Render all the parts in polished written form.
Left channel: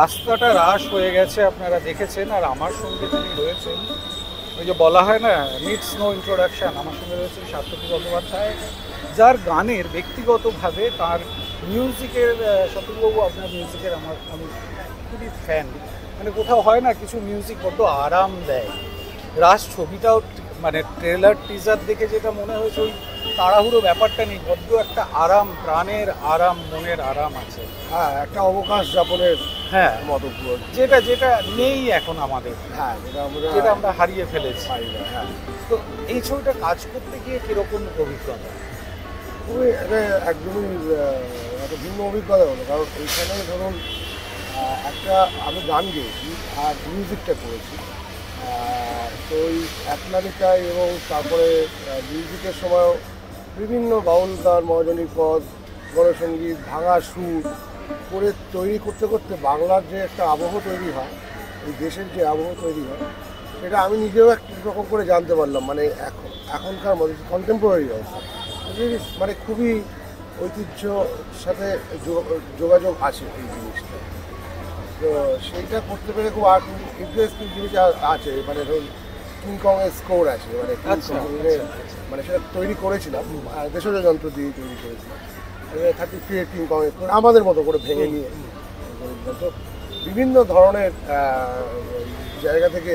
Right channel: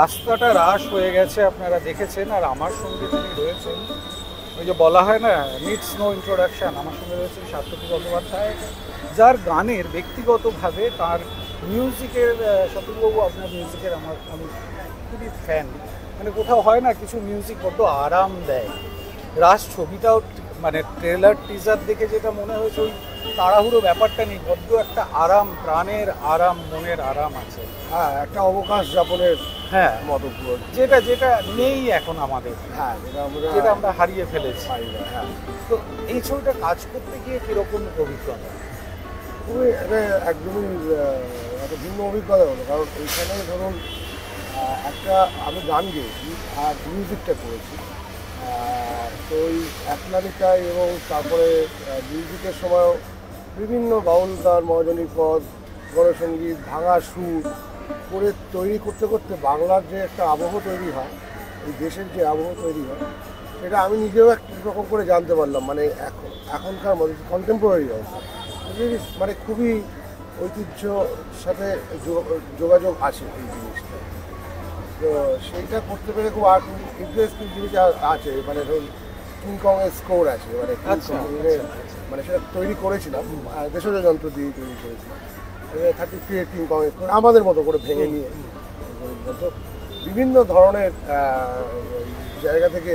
রাস্তাটা রাশ হয়ে গেছে, আপনারা দেখেছেন। আর আমার সঙ্গে যিনি রয়েছেন, ওই যে বলা হয় না, নিডস নো ইন্ট্রোডাকশন, আমার সঙ্গে রয়েছে সার্থকী বন্দ্যোপাধ্যায়, যার গানের ব্যক্তিগতভাবে তার মিউজিকের, সার্থকীবাবু আপনার মিউজিকের আমি খুবই ফ্যান। মানে কোথাও হয় না কিছু মিউজিক বড্ড আরাম দেয়। রাশ ছবিটাও মানে ট্রেলার টিজার দেখে যেটা মনে হয়েছে, ওই তাড়াহুড়ো ব্যাপারটা নেই, বড্ড একটা আরাম, প্রাণের আরাম, মনের আরাম আছে। হ্যাঁ, একটা অবকাশ যাপনের হ্যাঁ মতপুর, যেটা নেই এখন আমাদের। হ্যাঁ, যেটা আমরা হারিয়ে ফেলেছি। হ্যাঁ। তো এই ছবিটা কাজ করতে গিয়ে কিরকম অভিজ্ঞতা? খুবই একদমই একটা ভিন্ন অভিজ্ঞতা হলো। কারণ এইখানে ধরুন একটা আমি গান গেয়েছি আর মিউজিকটা করেছি, তো ওই একলারিটা এবং তারপরে মিউজিকের সময়ও বিভিন্ন বাউল গান, মহাজনী পদ, গণসঙ্গীত, ভাঙা সুর করে তৈরি করতে করতে বাংলার যে একটা আবহ তৈরি হয়, এই দেশের যে আবহ তৈরি হয়, এটা আমি নিজেও একরকম করে জানতে পারলাম। মানে এখনকার মধ্যে কন্টেম্পোরারি অবস্থা মানে খুবই ঐতিহ্যর সাথে যোগাযোগ আছে এই জিনিসটা। তো সেইটা করতে পেরে খুব ইন্টারেস্টিং জিনিস আছে। মানে ধরুন কিংকংয়ের স্কোর আছে, মানে সেটা তৈরি করেছিলাম দেশজ যন্ত্র দিয়ে তৈরি করেছি, 33 কিংকং আমাদের মতো করে ভেঙে নিয়ে বিভিন্ন ধরনের জায়গা থেকে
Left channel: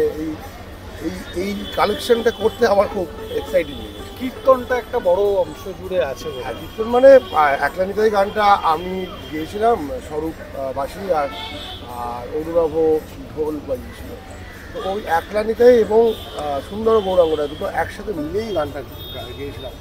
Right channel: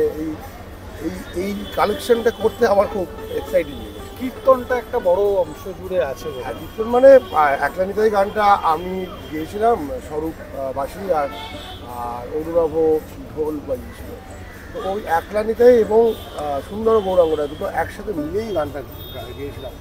এই কালেকশনটা করতে আমার খুব এক্সাইটিং। কীর্তনটা একটা বড় অংশ জুড়ে আছে। কীর্তন মানে একলানিতাই গানটা আমি গিয়েছিলাম, স্বরূপ বাসী আর অনুরাভ ঢোল বাজিয়েছিলাম। তো ওই একলানিতাই এবং সুন্দর গৌরাঙ্গরা দুটো একসাথে মিলেই গানটা গিয়েছিলাম।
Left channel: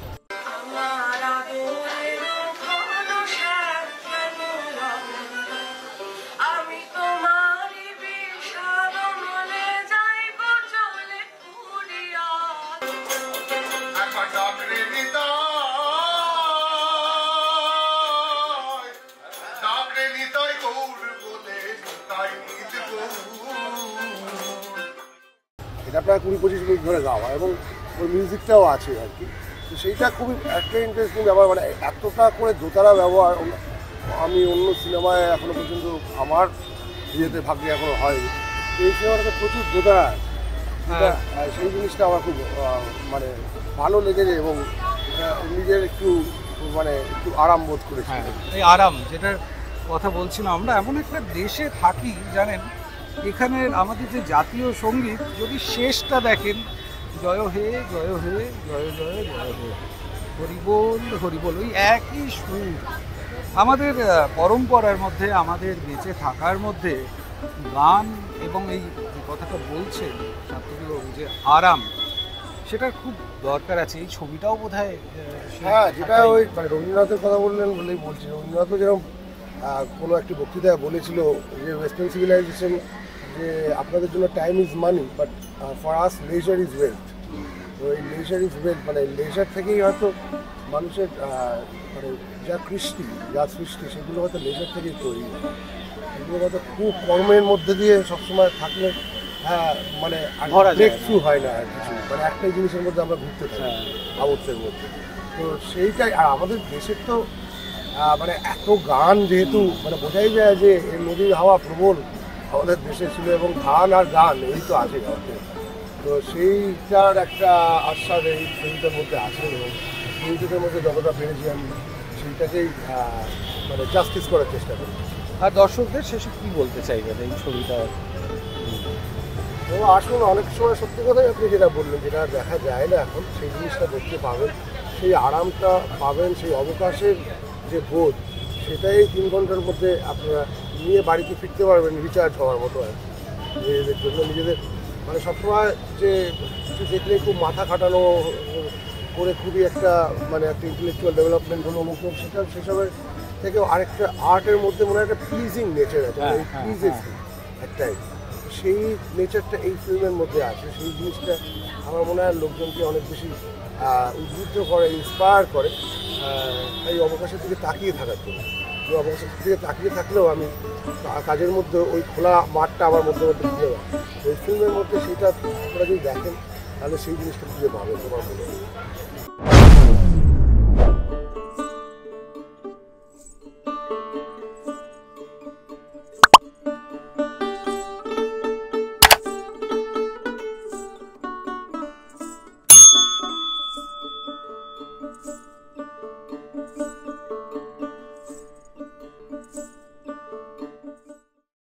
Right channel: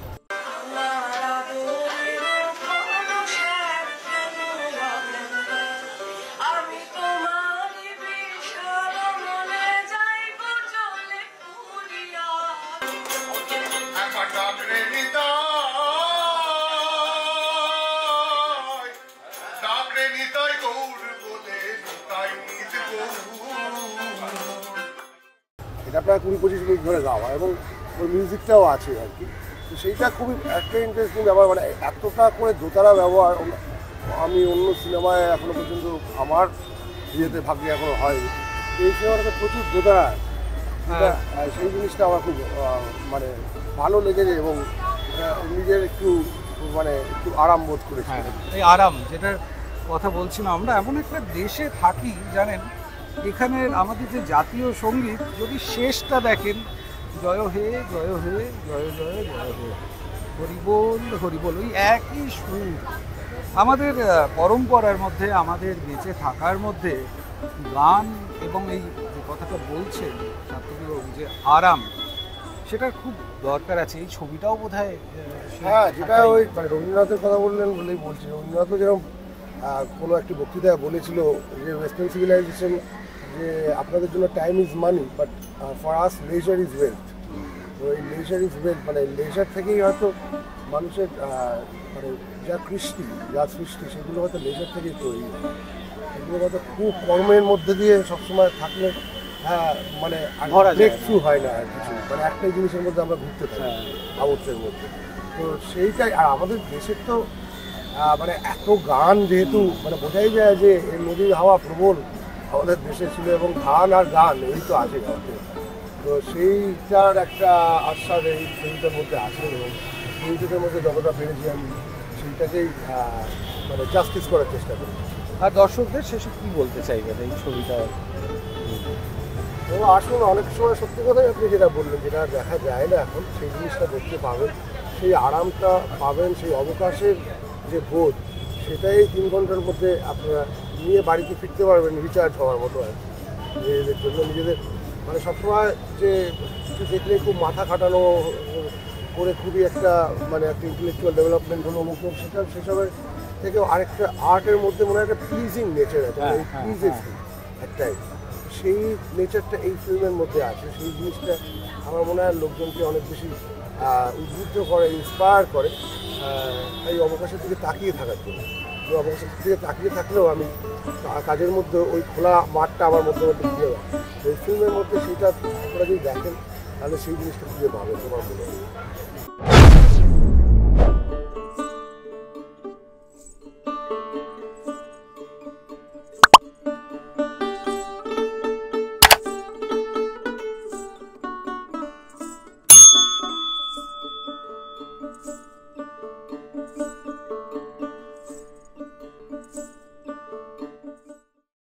এটা প্রায় 20-25 মিনিট ধরে গাওয়া এবং ওই মিউজিকটাও আছে আর কি। তো সেইটা খুবই একটা ইন্টারেস্টিং ব্যাপার। মানে এতটা করে দোতারা ব্যবহার আমি অন্য সিনেমায় এখনো পর্যন্ত আমার ইয়েতে ভাগ্যে এখনো হয়নি। এই সিনেমাটাতে প্রচুর দোতারা, সেই জিনিসটা আমার খুব মানে ভালো লেগেছে এবং নিজের একটু আরাম বোধ করেছি। এই আরাম যেটার কথা বলছিলাম, আমরা এমন একটা দেশে থাকি জানেন, এখানে আমাদের যে জাতীয় সঙ্গীত যদি শেষটা দেখেন, জয় হে জয় হে জয় জয় জয় হে, হরিবোল হরিবোল, ওই একই সুর। আমাদের পরম্পরার মধ্যে, আমাদের বেঁচে থাকার মধ্যে গান এবং এই যে কথাটা বলছে সার্থকীবাবু যে আরাম, সেটার খুব দরকার আছে। এই ছবিটাও বোধ হয়, হ্যাঁ, যেটা ওই রবীন্দ্রনাথের কথা বললেন বলেই বলছি। রবীন্দ্রনাথও যেরকম কোনো একটি বক্তৃতায় বলেছিল যে ওয়েস্টার্ন সিভিলাইজেশন, যে আপনাদের জন্য time is money but for us leisure is wealth. তো এই লেজার ইজ ওয়েলথ, মানে লেজার থেকেই হয়তো মানুষের যা কৃষ্টি, যা সৃষ্টি, সেগুলো হয়তো লেজার থেকেই তৈরি হয়। সেগুলো হয়তো খুব কর্মের মধ্যে দিয়ে সবসময় থাকলে মানে ব্রেক থ্রু হয় না আর কিছু। মানে একটাই জিনিসের মধ্যে আমরা ঘুরতে চাই কাগজের মধ্যে। তো সেইটাই। আর আমাদের দেশের তো মানে এত গান, যেহেতু মানে বোঝাই যায় যে এই নদীর হাওয়া প্রবল আমাদের দেশে ছিল এবং গান আর গান এই তো আছে। তো সেইটার একটা আশ্বাস এই ছবিটার মধ্যে আছে এবং ছবিটার মধ্যে যতটা পেরেছি আমি সেইটাকেই মানে জাস্টিস করার চেষ্টা করি। আর দর্শকদের শেষে কী বলতে চাইবেন এই ছবিটা? তো আসুন, অনেক সময় সত্যি কথাই আপনি যেটা বললেন, যেটা দেখা যায় না এখন, সেই জিনিসটা দেখতে পাবেন, সেই আরামটা পাবেন, সেই অবকাশের যে বোধ, সেটাই 3 ঘন্টার মধ্যে আপনারা নিয়ে বাড়িতে ফিরতে পারবেন রিচার্জ হওয়ার মতো। নিজেদের জন্য নিজেদের মানে সবসময় যে কিছু দেখলে খুব মাথা খাটানো করে খুবই একটা মানে একটা ইন্টেলেকচুয়াল ডেভেলপমেন্ট হলো অমুক, সেটা সেসবের থেকেও আরেকটা আর্টের মধ্যে মনে হয় একটা প্লিজিং নেচার আছে, প্লিজেস একটাই, সেই নেচারটা এই ফিল্মের মধ্যে আছে। সেই জিনিসটা আমার মনে হয় লোকজনকে অনেক বেশি উদ্বুদ্ধ করে, ইন্সপায়ার করে এই অবকাশের দিকে তাকিয়ে থাকার জন্য। এই অবকাশের দিকে তাকিয়ে থাকলেও আমি কাজের মধ্যে ওই খোলা মাঠটা আমার মধ্যে ওই ফিল্মের মধ্যে সেটা যদি দেখে তাহলে সেই জিনিসটা খুঁজে পাবে তোমার মনে হয়।